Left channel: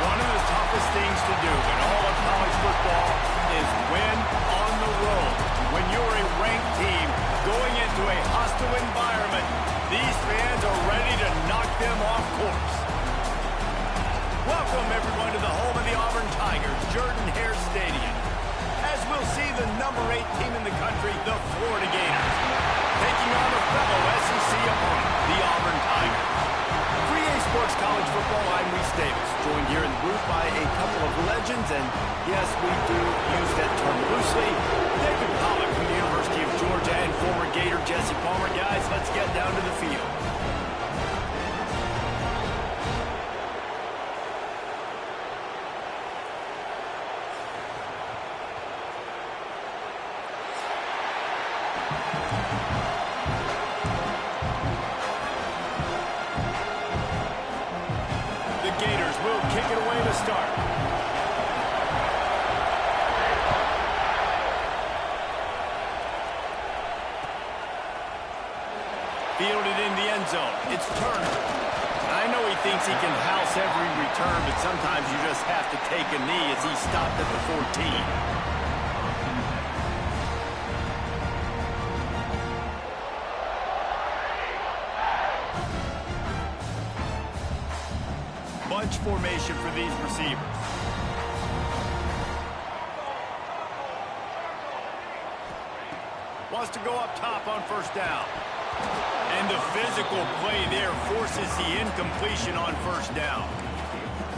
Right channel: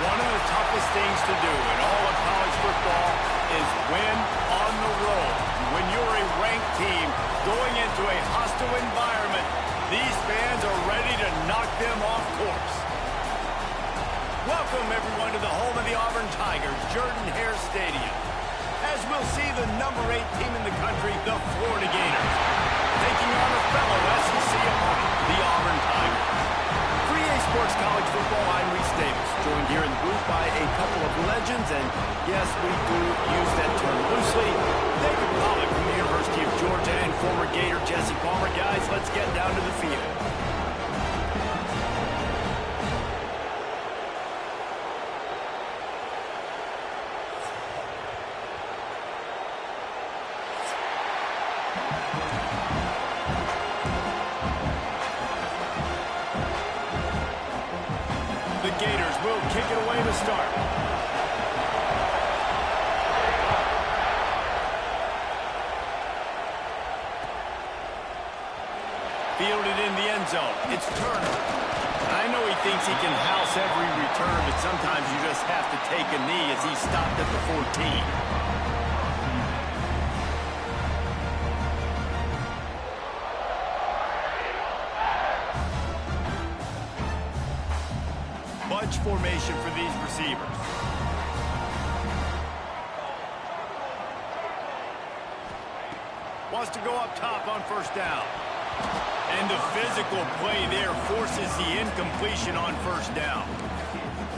One of the toughest things to do in all of college football is win on the road. When you're a ranked team going into a hostile environment, these fans are ready to knock them off course. Welcome, everyone, to the home of the Auburn Tigers, Jordan-Hare Stadium. As we'll see the number 8 team in the country, the Florida Gators, taking on a fellow SEC opponent, the Auburn Tigers. For EA Sports College Football, I'm Reese Davis, joined here in the booth by a couple of legends, and yes, we do use that term loosely. David Pollack from the University of Georgia and former Gator Jesse Palmer. Guys, let's get down to the field. The Gators will kick it away to start. Fielded in the end zone. It's Turner. I know he thinks he can house every return, but sometimes you just have to take a knee as he stopped at the 14. Bunch formation for these receivers. Wants to go up top on first down. And the physical play there forces the incompletion on first down.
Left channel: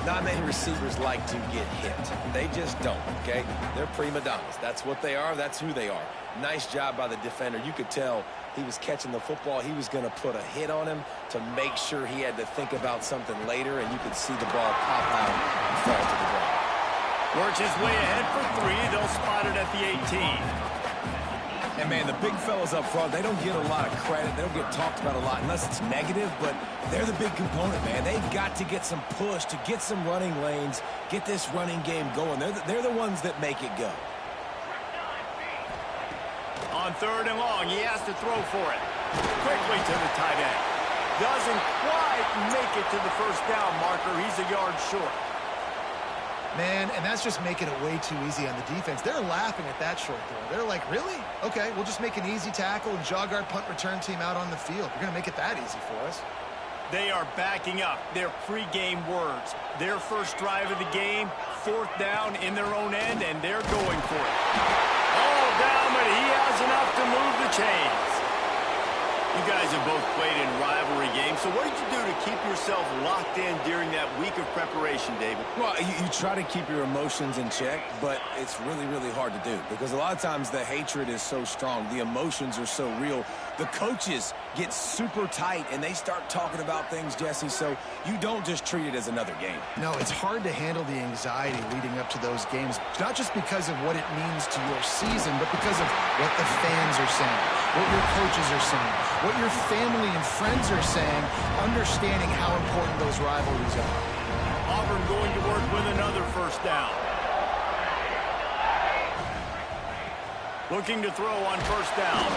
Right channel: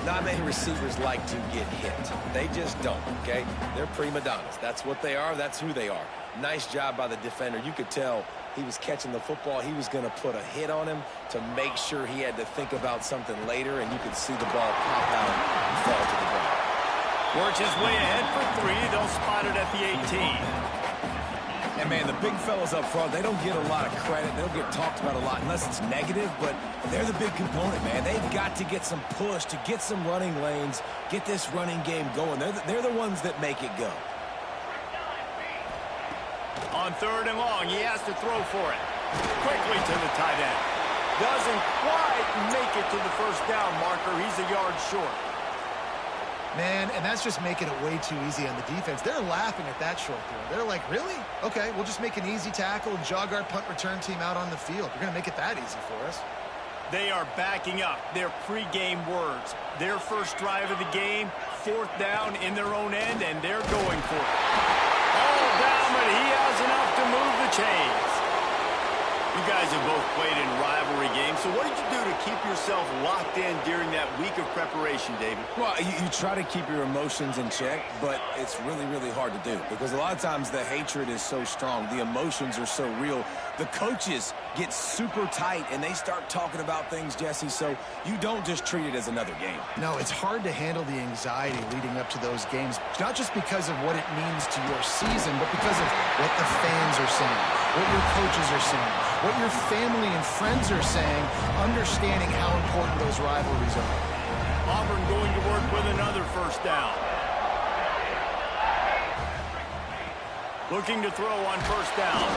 Not many receivers like to get hit. They just don't, okay? They're prima donnas. That's what they are. That's who they are. Nice job by the defender. You could tell he was catching the football. He was going to put a hit on him to make sure he had to think about something later, and you could see the ball pop out and fall to the ground. Works his way ahead for 3. They'll spot it at the 18. And, man, the big fellas up front, they don't get a lot of credit. They don't get talked about a lot unless it's negative, but they're the big component, man. They've got to get some push, to get some running lanes, get this running game going. They're the ones that make it go. On 3rd and long, he has to throw for it. Quickly to the tight end. Doesn't quite make it to the first down marker. He's a yard short. Man, and that's just making it way too easy on the defense. They're laughing at that short throw. They're like, really? Okay, we'll just make an easy tackle and jog our punt return team out on the field. You're going to make it that easy for us. They are backing up their pregame words. Their first drive of the game, 4th down in their own end, and they're going for it. All down, but he has enough to move the chains. You guys have both played in rivalry games, so what did you do to keep yourself locked in during that week of preparation, David? Well, you try to keep your emotions in check, but it's really, really hard to do because a lot of times the hatred is so strong. The emotions are so real. The coaches get super tight, and they start talking about things, Jesse, so you don't just treat it as another game. No, it's hard to handle the anxiety leading up to those games, not just because of what it means to your season, but because of what the fans are saying, what your coaches are saying, what your family and friends are saying, understanding how important those rivalries are. Auburn going to work with another first down. Looking to throw on first down.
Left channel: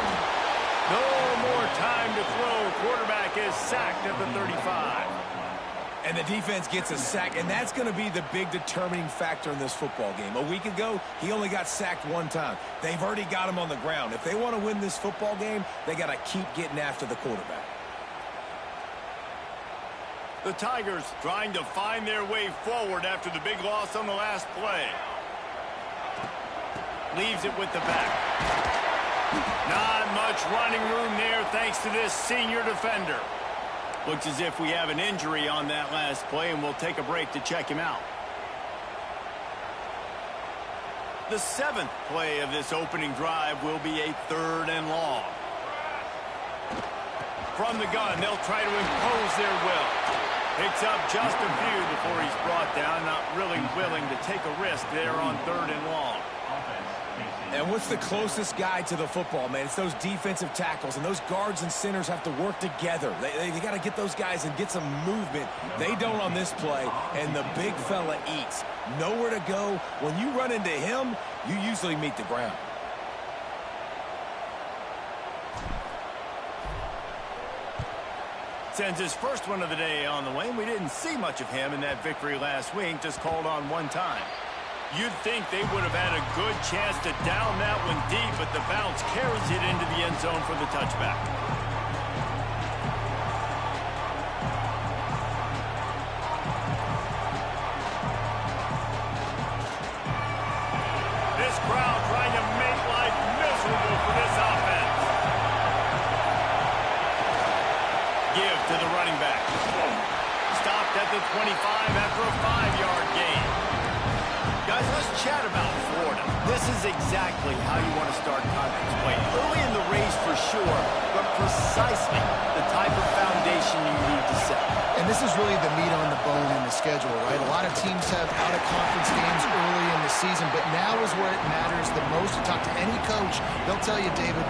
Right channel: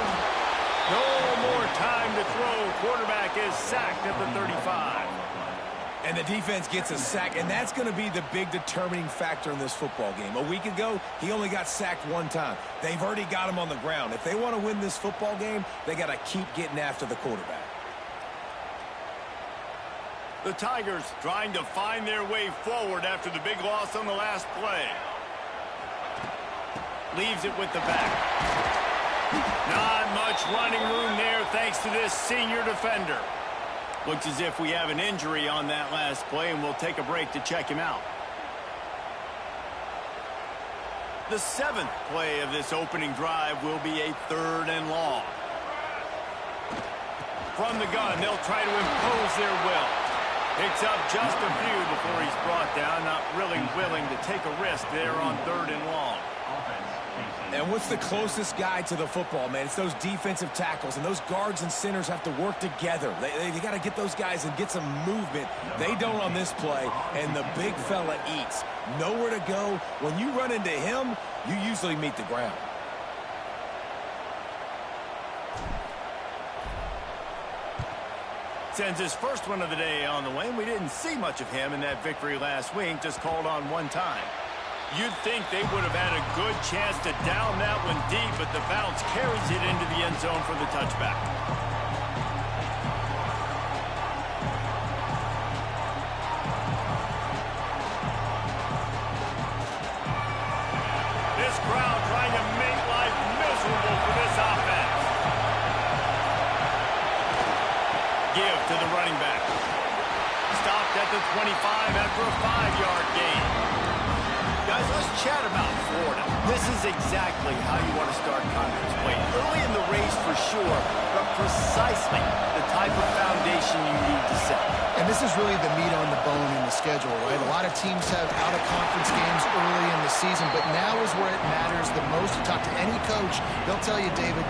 No more time to throw. Quarterback is sacked at the 35. And the defense gets a sack, and that's going to be the big determining factor in this football game. A week ago, he only got sacked 1 time. They've already got him on the ground. If they want to win this football game, they got to keep getting after the quarterback. The Tigers trying to find their way forward after the big loss on the last play. Leaves it with the back. Not much running room there thanks to this senior defender. Looks as if we have an injury on that last play, and we'll take a break to check him out. The 7th play of this opening drive will be a 3rd and long. From the gun, they'll try to impose their will. Picks up just a few before he's brought down. Not really willing to take a risk there on 3rd and long. And what's the closest guy to the football, man? It's those defensive tackles, and those guards and centers have to work together. They got to get those guys and get some movement. They don't on this play, and the big fella eats. Nowhere to go. When you run into him, you usually meet the ground. Sends his first one of the day on the way. We didn't see much of him in that victory last week, just called on one time. You'd think they would have had a good chance to down that one deep, but the bounce carries it into the end zone for the touchback. This crowd trying to make life miserable for this offense. Give to the running back. Stopped at the 25 after a 5-yard gain. Guys, let's chat about Florida. This is exactly how you want to start conference play. Early in the race for sure, but precisely the type of foundation you need to set. And this is really the meat on the bone in the schedule, right? A lot of teams have out-of-conference games early in the season, but now is where it matters the most. You talk to any coach, they'll tell you, David,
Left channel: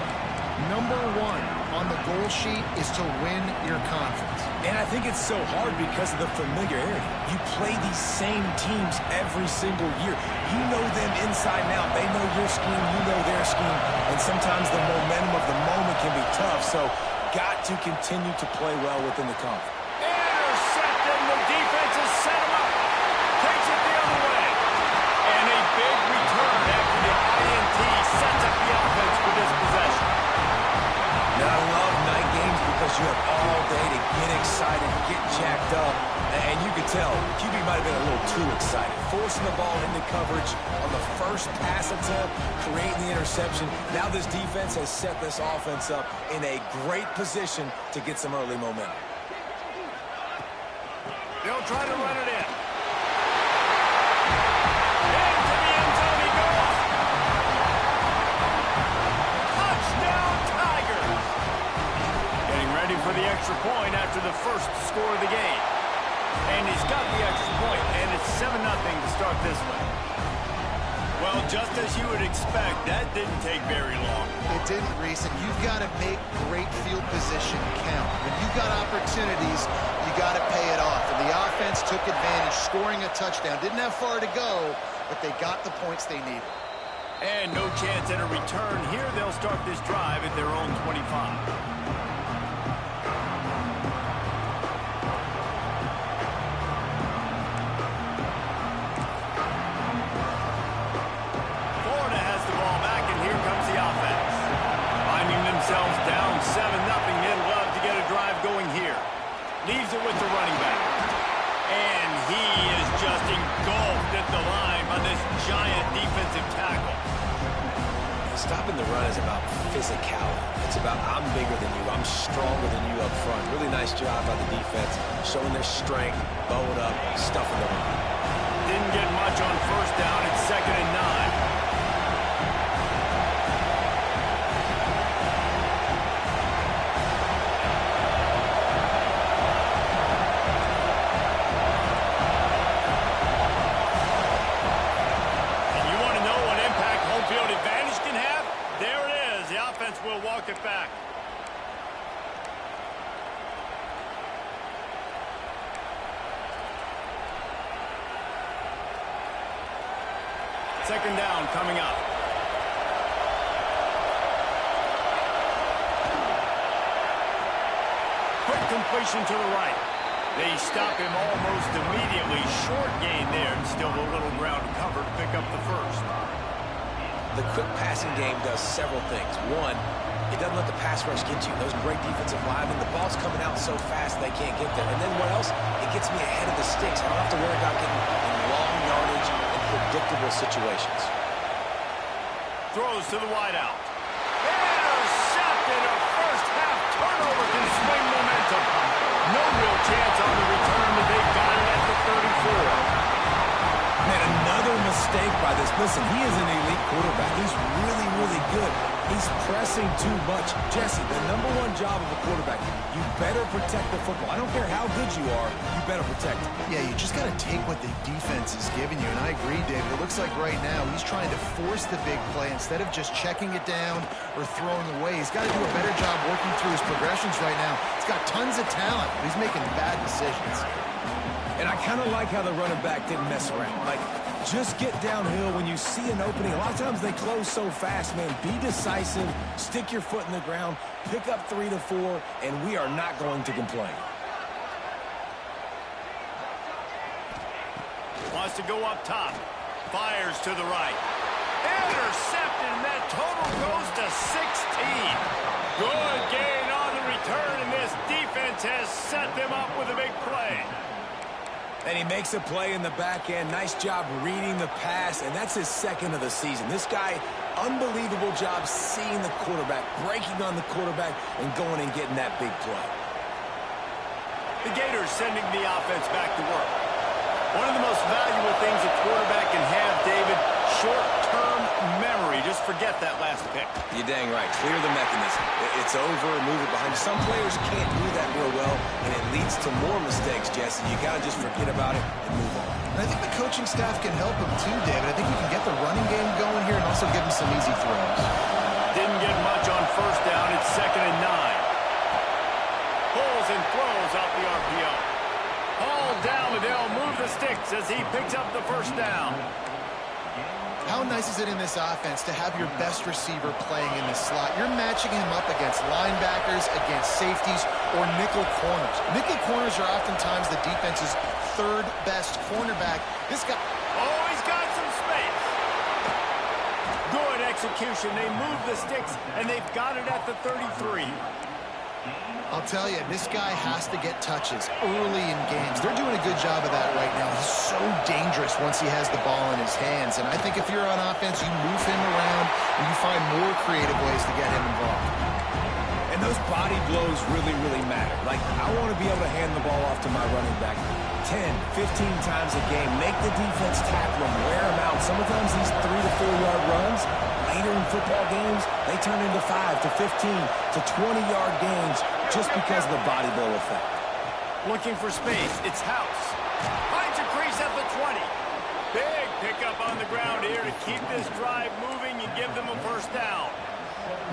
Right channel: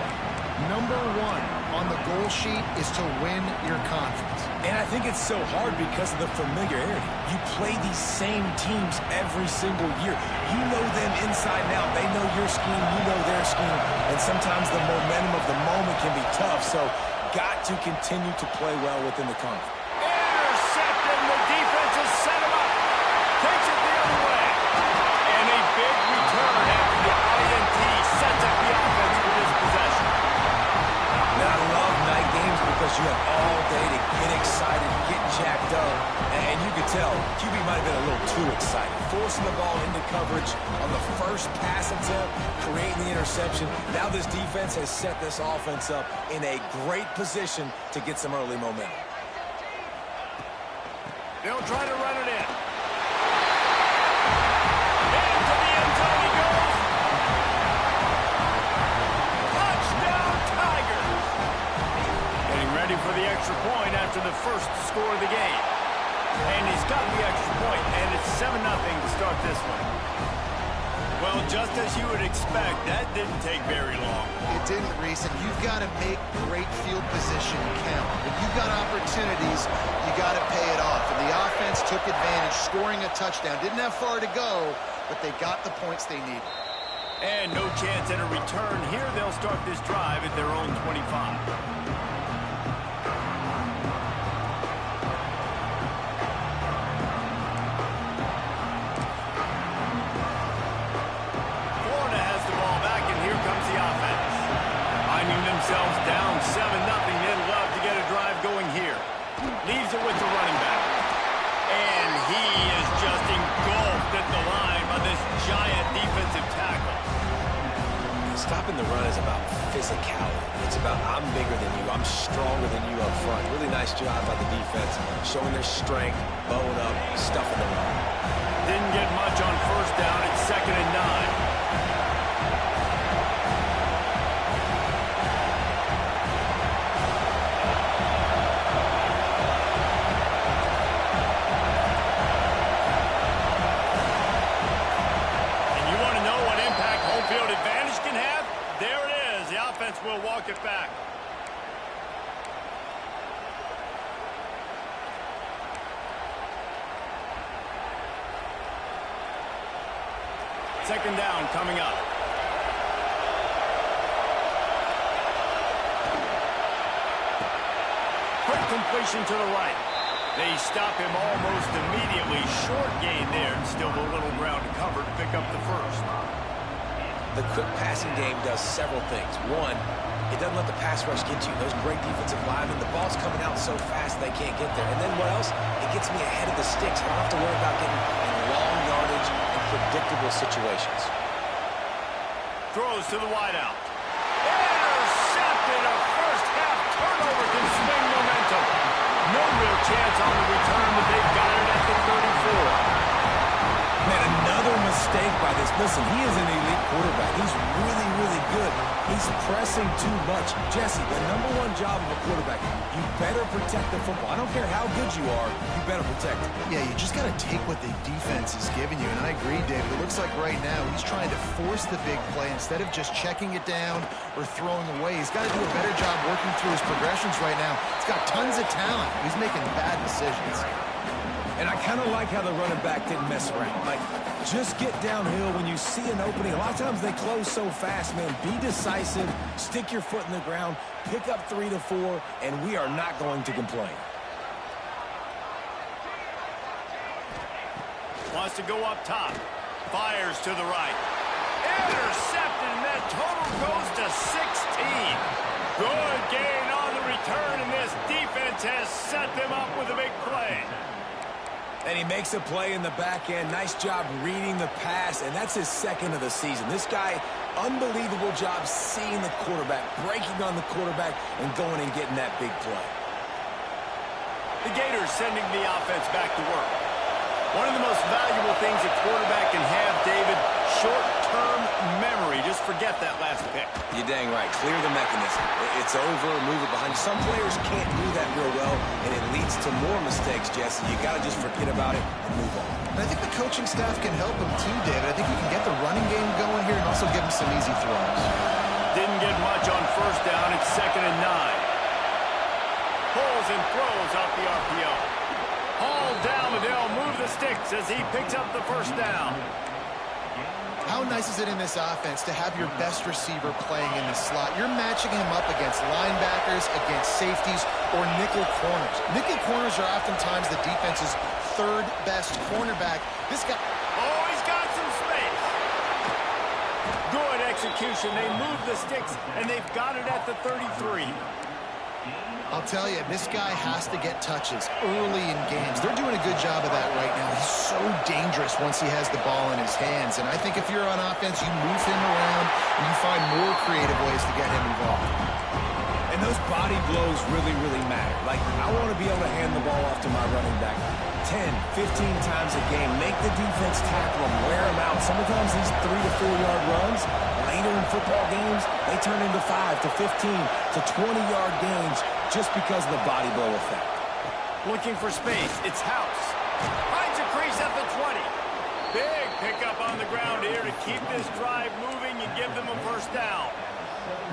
number one on the goal sheet is to win your conference. And I think it's so hard because of the familiarity. You play these same teams every single year. You know them inside and out. They know your scheme, you know their scheme, and sometimes the momentum of the moment can be tough, so got to continue to play well within the conference. Intercepted, and the defense has set him up. Takes it the other way. And a big return after the INT sets up the offense for this possession. Now, I love night games because you have all day to get excited, get jacked up, and you could tell QB might have been a little too excited. Forcing the ball into coverage on the first pass attempt, creating the interception. Now this defense has set this offense up in a great position to get some early momentum. They'll try to run it in. Into the end zone he goes. Touchdown, Tigers. Getting ready for the extra point after the first score of the game. And he's got the extra point, and it's 7-0 to start this one. Well, just as you would expect, that didn't take very long. It didn't, Reese, and you've got to make great field position count. When you've got opportunities, you got to pay it off. And the offense took advantage, scoring a touchdown. Didn't have far to go, but they got the points they needed. And no chance at a return here. They'll start this drive at their own 25. Themselves down 7-0. They'd love to get a drive going here. Leaves it with the running back. And he is just engulfed at the line by this giant defensive tackle. Stopping the run is about physicality. It's about I'm bigger than you, I'm stronger than you up front. Really nice job by the defense, showing their strength, bowed up, stuffing the run. Didn't get much on first down. It's 2nd and 9. Field advantage can have. There it is. The offense will walk it back. Second down coming up. Quick completion to the right. They stop him almost immediately. Short gain there, and still a little ground to cover to pick up the first. The quick passing game does several things. One, it doesn't let the pass rush get to you. Those great defensive linemen, the ball's coming out so fast they can't get there. And then what else? It gets me ahead of the sticks. I don't have to worry about getting in long yardage and predictable situations. Throws to the wideout. Intercepted. A first-half turnover can swing momentum. No real chance on the return, but they've got it at the 34. Man, another mistake by this. Listen, he is an elite quarterback. He's really, really good. He's pressing too much. Jesse, the #1 job of a quarterback, you better protect the football. I don't care how good you are, you better protect it. Yeah, you just got to take what the defense is giving you. And I agree, David. It looks like right now he's trying to force the big play instead of just checking it down or throwing away. He's got to do a better job working through his progressions right now. He's got tons of talent. He's making bad decisions. And I kind of like how the running back didn't mess around. Like, just get downhill when you see an opening. A lot of times they close so fast, man. Be decisive, stick your foot in the ground, pick up 3 to 4, and we are not going to complain. Wants to go up top. Fires to the right. Intercepted, and that total goes to 16. Good gain on the return, and this defense has set them up with a big play. And he makes a play in the back end. Nice job reading the pass, and that's his second of the season. This guy, unbelievable job seeing the quarterback, breaking on the quarterback, and going and getting that big play. The Gators sending the offense back to work. One of the most valuable things a quarterback can have, David, short-term memory. Just forget that last pick. You're dang right. Clear the mechanism. It's over, move it behind you. Some players can't do that real well, and it leads to more mistakes, Jesse. You got to just forget about it and move on. And I think the coaching staff can help him too, David. I think you can get the running game going here and also give him some easy throws. Didn't get much on first down. It's 2nd and 9. Pulls and throws off the RPO. Hauled down, but they'll move the sticks as he picks up the first down. How nice is it in this offense to have your best receiver playing in the slot? You're matching him up against linebackers, against safeties, or nickel corners. Nickel corners are oftentimes the defense's third best cornerback. This guy... Oh, he's got some space. Good execution. They move the sticks, and they've got it at the 33. I'll tell you, this guy has to get touches early in games. They're doing a good job of that right now. He's so dangerous once he has the ball in his hands. And I think if you're on offense, you move him around and you find more creative ways to get him involved. And those body blows really, really matter. Like, I want to be able to hand the ball off to my running back 10, 15 times a game. Make the defense tackle him, wear him out. Sometimes these 3 to 4 yard runs, later in football games, they turn into 5 to 15 to 20-yard gains just because of the body blow effect. Looking for space. It's House. Finds a crease at the 20. Big pickup on the ground here to keep this drive moving and give them a first down.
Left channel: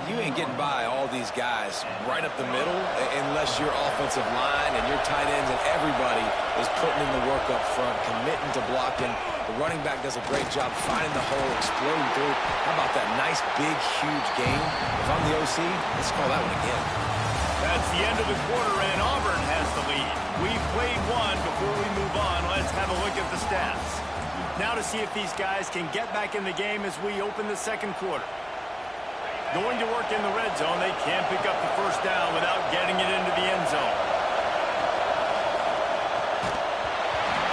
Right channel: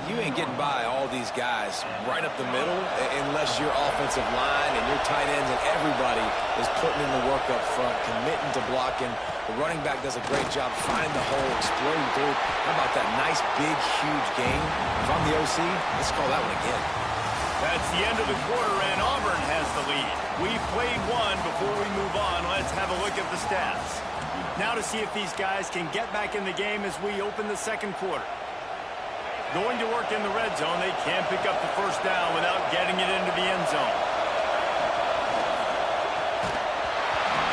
You ain't getting by all these guys right up the middle unless your offensive line and your tight ends and everybody is putting in the work up front, committing to blocking. The running back does a great job finding the hole, exploding through. How about that nice, big, huge game? If I'm the OC, let's call that one again. That's the end of the quarter, and Auburn has the lead. We've played one. Before we move on, let's have a look at the stats. Now to see if these guys can get back in the game as we open the second quarter. Going to work in the red zone. They can't pick up the first down without getting it into the end zone.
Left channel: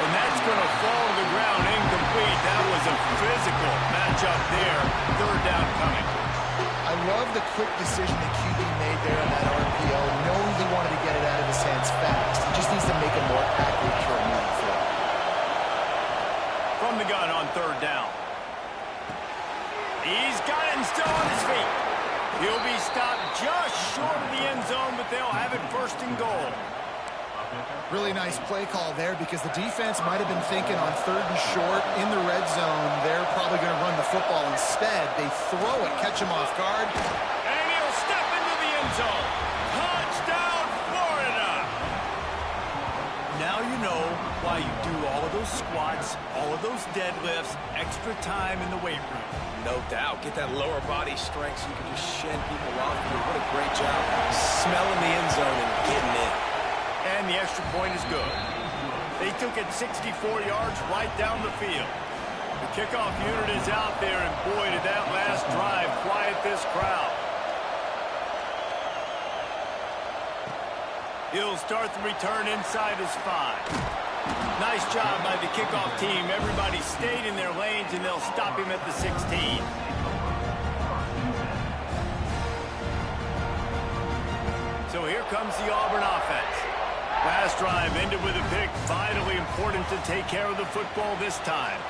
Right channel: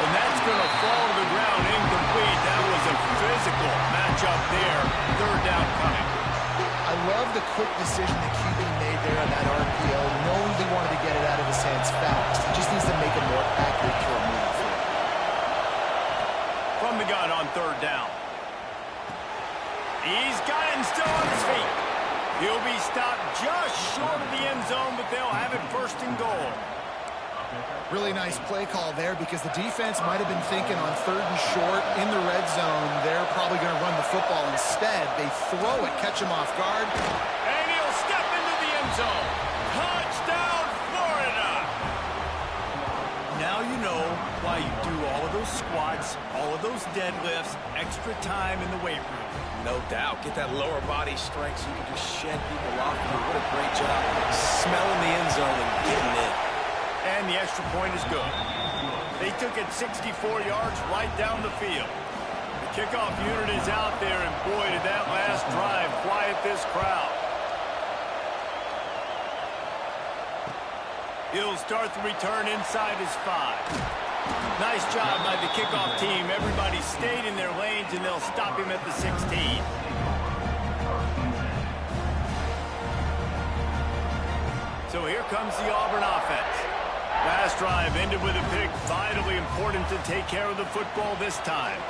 And that's going to fall to the ground incomplete. That was a physical matchup there. Third down coming. I love the quick decision that QB made there on that RPO, knowing he wanted to get it out of his hands fast. He just needs to make a more accurate throw moving forward. From the gun on third down. He's got it and still on his feet. He'll be stopped just short of the end zone, but they'll have it first and goal. Really nice play call there because the defense might have been thinking on third and short in the red zone. They're probably going to run the football instead. They throw it, catch him off guard. And he'll step into the end zone. Touchdown, Florida! Now you know why you do all of those squats, all of those deadlifts, extra time in the weight room. No doubt. Get that lower body strength so you can just shed people off you. What a great job smelling the end zone and getting in. And the extra point is good. They took it 64 yards right down the field. The kickoff unit is out there, and boy, did that last drive quiet this crowd. He'll start the return inside his 5. Nice job by the kickoff team. Everybody stayed in their lanes, and they'll stop him at the 16. So here comes the Auburn offense. Last drive ended with a pick. Vitally important to take care of the football this time.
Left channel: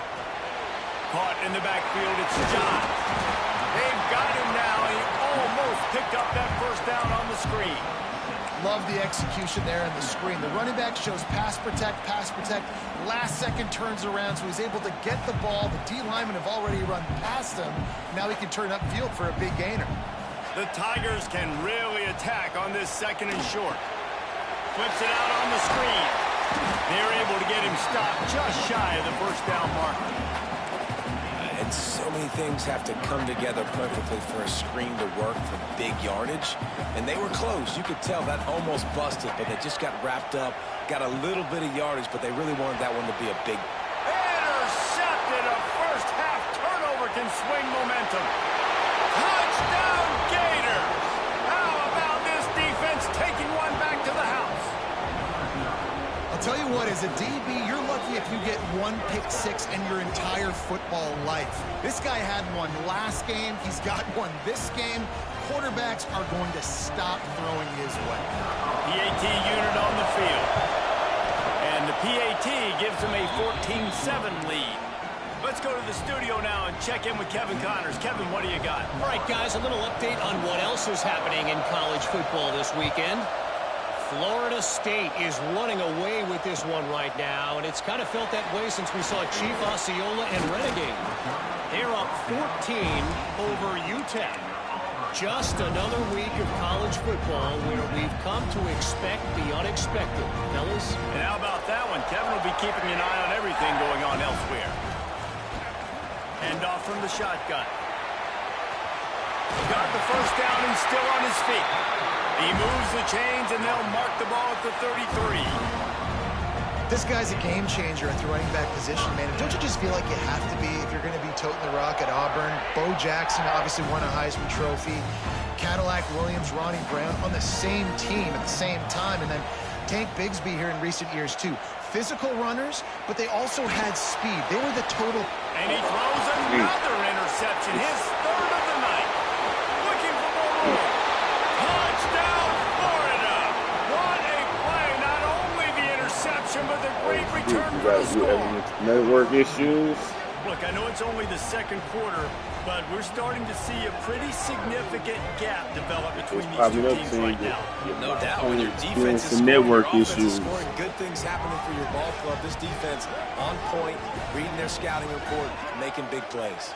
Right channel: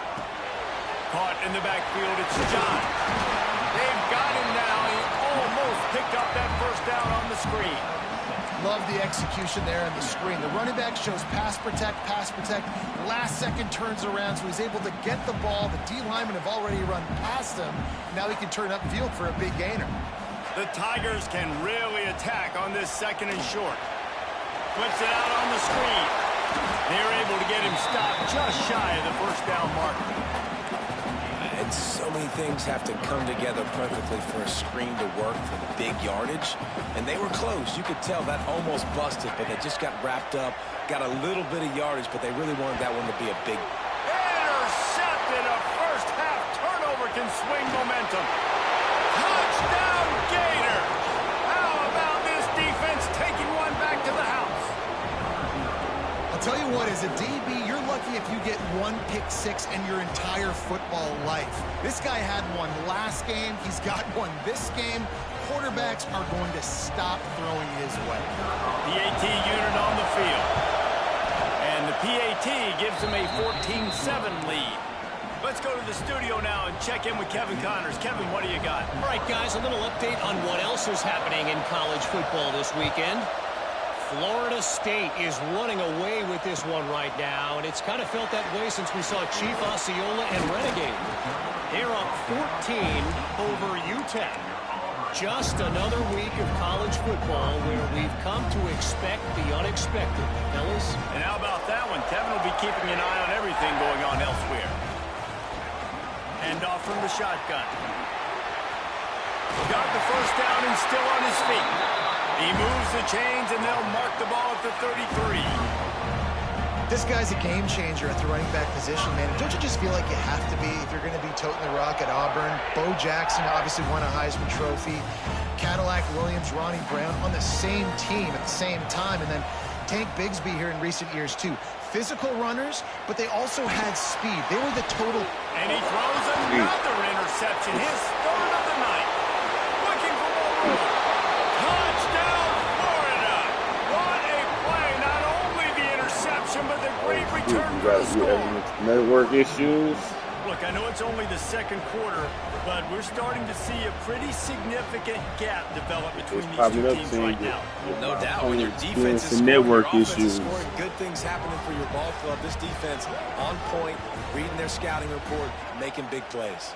Caught in the backfield, it's John. They've got him now. He almost picked up that first down on the screen. Love the execution there on the screen. The running back shows pass protect, last second turns around, so he's able to get the ball. The D linemen have already run past him. Now he can turn upfield for a big gainer. The Tigers can really attack on this second and short. Flips it out on the screen. They're able to get him stopped just shy of the first down marker. And so many things have to come together perfectly for a screen to work for the big yardage. And they were close. You could tell that almost busted, but they just got wrapped up, got a little bit of yardage, but they really wanted that one to be a big. can swing momentum. Touchdown Gators! How about this defense taking one back to the house? I'll tell you what, as a DB, you're lucky if you get one pick six in your entire football life. This guy had one last game. He's got one this game. Quarterbacks are going to stop throwing his way. PAT unit on the field. And the PAT gives him a 14-7 lead. Let's go to the studio now and check in with Kevin Connors. Kevin, what do you got? All right, guys, a little update on what else is happening in college football this weekend. Florida State is running away with this one right now, and it's kind of felt that way since we saw Chief Osceola and Renegade. They're up 14 over UTEP. Just another week of college football where we've come to expect the unexpected. Fellas? And how about that one? Kevin will be keeping an eye on everything going on elsewhere. Hand off from the shotgun. Got the first down and still on his feet. He moves the chains, and they'll mark the ball at the 33. This guy's a game changer at the running back position, man. Don't you just feel like you have to be if you're going to be toting the rock at Auburn? Bo Jackson obviously won a Heisman Trophy. Cadillac Williams, Ronnie Brown on the same team at the same time. And then Tank Bigsby here in recent years, too. Physical runners, but they also had speed. They were the total. And he throws another interception, his third of the night. Looking for more room. Touchdown, Florida! What a play! Not only the interception, but the great return for the score. Network issues. Look, I know it's only the second quarter, but we're starting to see a pretty significant gap develop between these two teams right now. No doubt, when your defense is some scoring, network your offense is issues. scoring, good things happening for your ball club. This defense on point, reading their scouting report, making big plays.